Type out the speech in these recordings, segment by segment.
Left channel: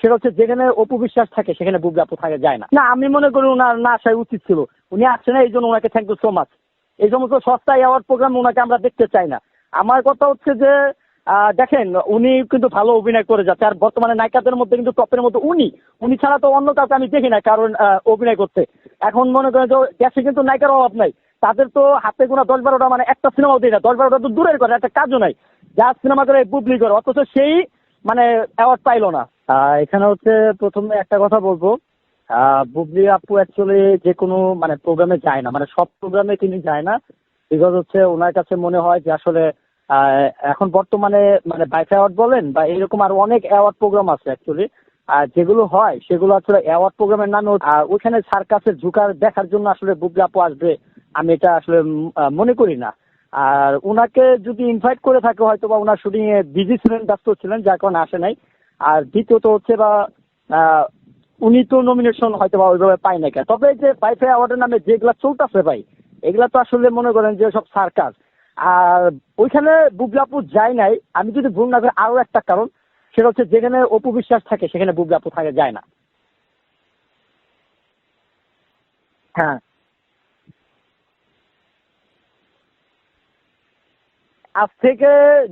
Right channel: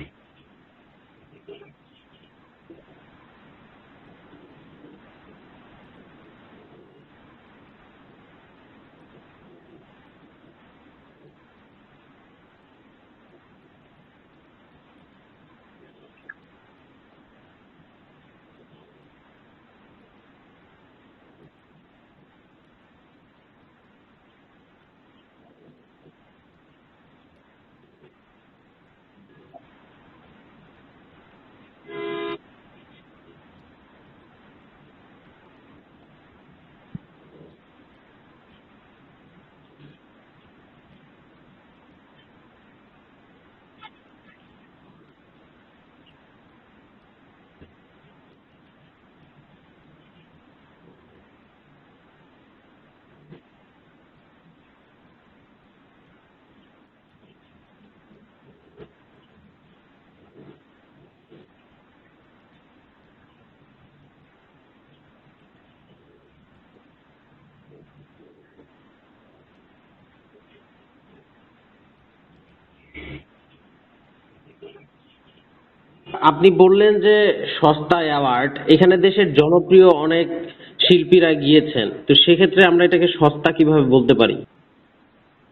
সেটা হচ্ছে যেখানে অপু বিশ্বাস থাকে সেখানে বুবলি আপু থাকে যায় না। না, আমি মনে করি ওনার না আসাই উচিত ছিল। উনি আসছে না, এই জন্য ওনাকে থ্যাংক ইউ সো মাচ। এই সমস্ত সস্তা অ্যাওয়ার্ড প্রোগ্রাম ওনাকে আমরা দেখতে চাই না। আমার কথা হচ্ছে যে দেখেন, উনি কিন্তু ভালো অভিনয় করে যাচ্ছে, আর বর্তমানে নায়িকাদের মধ্যে কিন্তু টপের মধ্যে উনি উনি ছাড়া তো অন্য কাউকে আমি দেখি না কারণ অভিনয় করতে। এখন মনে করেন যে দেশে কিন্তু নায়িকার অভাব নাই, তাদের তো হাতে গোনা 10-12টা, মানে একটা সিনেমাও দিই না, 10-12টা তো দূরের করে, একটা কাজও নাই। যা সিনেমা করে বুবলি করে, অথচ সেই মানে অ্যাওয়ার্ড পাইলো না। এখানে হচ্ছে প্রথমে একটা কথা বলবো, বুবলি আপু অ্যাকচুয়ালি যে কোনো মানে প্রোগ্রামে যায় না, মানে সব প্রোগ্রামে তিনি যায় না। বিকজ হচ্ছে ওনার কাছে মনে হয় যে আসলে এখন বর্তমানে মানে বাইফ অ্যাওয়ার্ড বলেন বা এরকম আরো অনেক অ্যাওয়ার্ড প্রোগ্রাম আছে অ্যাকচুয়ালি, আর যেগুলো হয় সেগুলো আসলে অ্যাওয়ার্ড প্রোগ্রামের নামে ওইখানে সার্কাসের ঝুঁকার দেখার জন্য আসলে বুবলি আপু আসবে আমি এটা আসলে মনে করি না। আর উনাকে যদি ইনভাইট করে থাকে হয়তো বা ওনার শুটিং এ বিজি ছিলেন, ব্যস্ত ছিলেন, যার কারণে আসে নাই। আর দ্বিতীয়ত হচ্ছে বা আহ, উনি তো নমিনেশন হয়তো বা ওইভাবে পায় না। তবে এই যে বাইফাই অ্যাওয়ার্ডের নামে যেগুলা চলতেছে ভাই, এগুলা তো আসলে মনে করেন যে সব সার্কাস। আর ওইখানে বুবলি আপু যায় নাই, আমি যদি ভুল না করি আরো একটা কারণ, সেটা হচ্ছে যেখানে অপু বিশ্বাস থাকে সেখানে বুবলি আপু থাকে যায় না। আপনি বললেন যে সস্তা অ্যাওয়ার্ড, এখানে দেশের হ্যাঁ, জনপ্রিয় অনেক শিল্পীরা গিয়েছেন, তো সেক্ষেত্রে আমরা এটাকে সস্তা কিভাবে বলতে পারি? আজ থেকে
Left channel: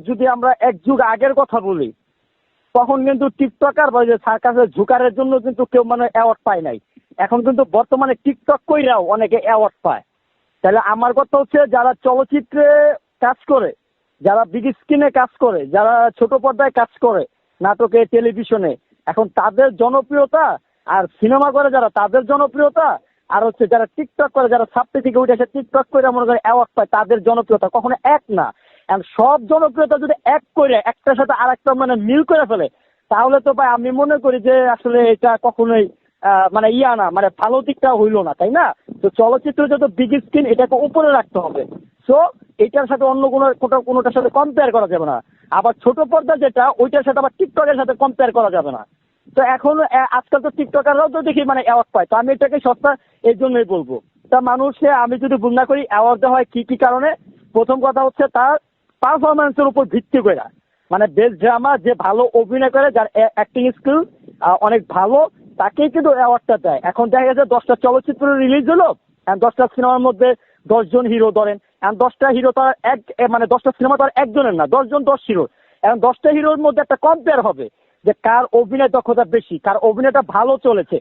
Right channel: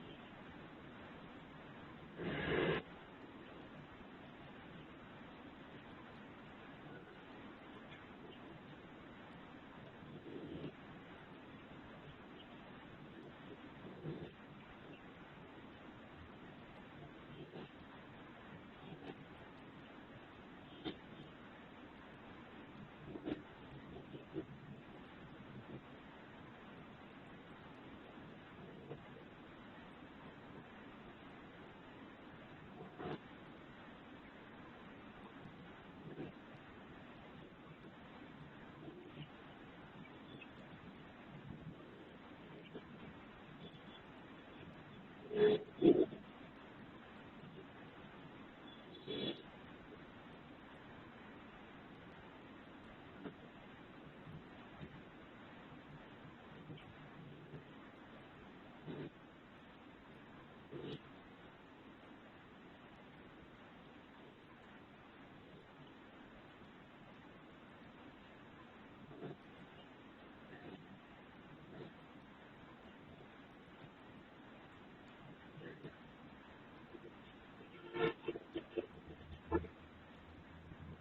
যদি আমরা এক যুগ আগের কথা বলি, তখন কিন্তু টিকটকার বা যে সার্কাসের ঝুকারের জন্য কিন্তু কেউ মানে অ্যাওয়ার্ড পায় নাই। এখন কিন্তু বর্তমানে টিকটক কইরাও অনেকে অ্যাওয়ার্ড পায়। তাহলে আমার কথা হচ্ছে যারা চলচ্চিত্রে কাজ করে, যারা বিগ স্ক্রিনে কাজ করে, যারা ছোট পর্দায় কাজ করে, নাটকে, টেলিভিশনে, এখন তাদের জনপ্রিয়তা, আর সিনেমা করে যারা তাদের জনপ্রিয়তা, আর হচ্ছে যারা টিকটক করে, যারা ছাপতে থেকে উঠে এসে টিকটক করে মনে করে অ্যাওয়ার্ড পায়, তাদের জনপ্রিয়তা কখনো এক না। এখন সব জনপ্রিয়তা যদি এক করে একটার সাথে আর একটা মানে মিল করে ফেলে, তাহলে তো ভাই আমি মনে করি যে আসলে এটা কখনোই মানে ইয়া না, মানে ভালো দিকটা হইলো না, তাই না? তো চলচ্চিত্র যত বিগ স্ক্রিন এটাকে উপরে রাখতে হবে। সো এটার সাথে অন্য কোনোটার সাথে কম্পেয়ার করা যাবে না। আবার ছোট পর্দা যেটা, ওইটার সাথে আবার টিকটকের সাথে কম্পেয়ার করা যাবে না। তো এখন আজকাল তো টিকটকাররাও তো দেখি মানে অ্যাওয়ার্ড পায়, তো আমি এটাকে সস্তা এই জন্যই বলবো। তা মানুষে আমি যদি ভুল না করি অ্যাওয়ার্ড দেওয়া হয় কি কি কারণে, প্রথম কথা হচ্ছে তার পারফরমেন্সের উপর ভিত্তি করে, মানে বেস্ট ড্রামা, যে ভালো অভিনয় করে, যার অ্যাক্টিং স্কিল অনেক ভালো, তাকেই কিন্তু অ্যাওয়ার্ডটা দেয়। এখন দেখা গেছে 10টা চলচ্চিত্র রিলিজ হলো, 10টা সিনেমার মধ্যে 10জন হিরো ধরেন, এখন 10টা হিরো তো আর মানে 10টা সিনেমা তো আর একজনের না, 10জন 10 হিরো। এখন 10টা হিরোর মধ্যে একটা কম্পেয়ার হবে যে কার অভিনয় দক্ষতা বেশি, কার অভিনয়টা ভালো চলেছে।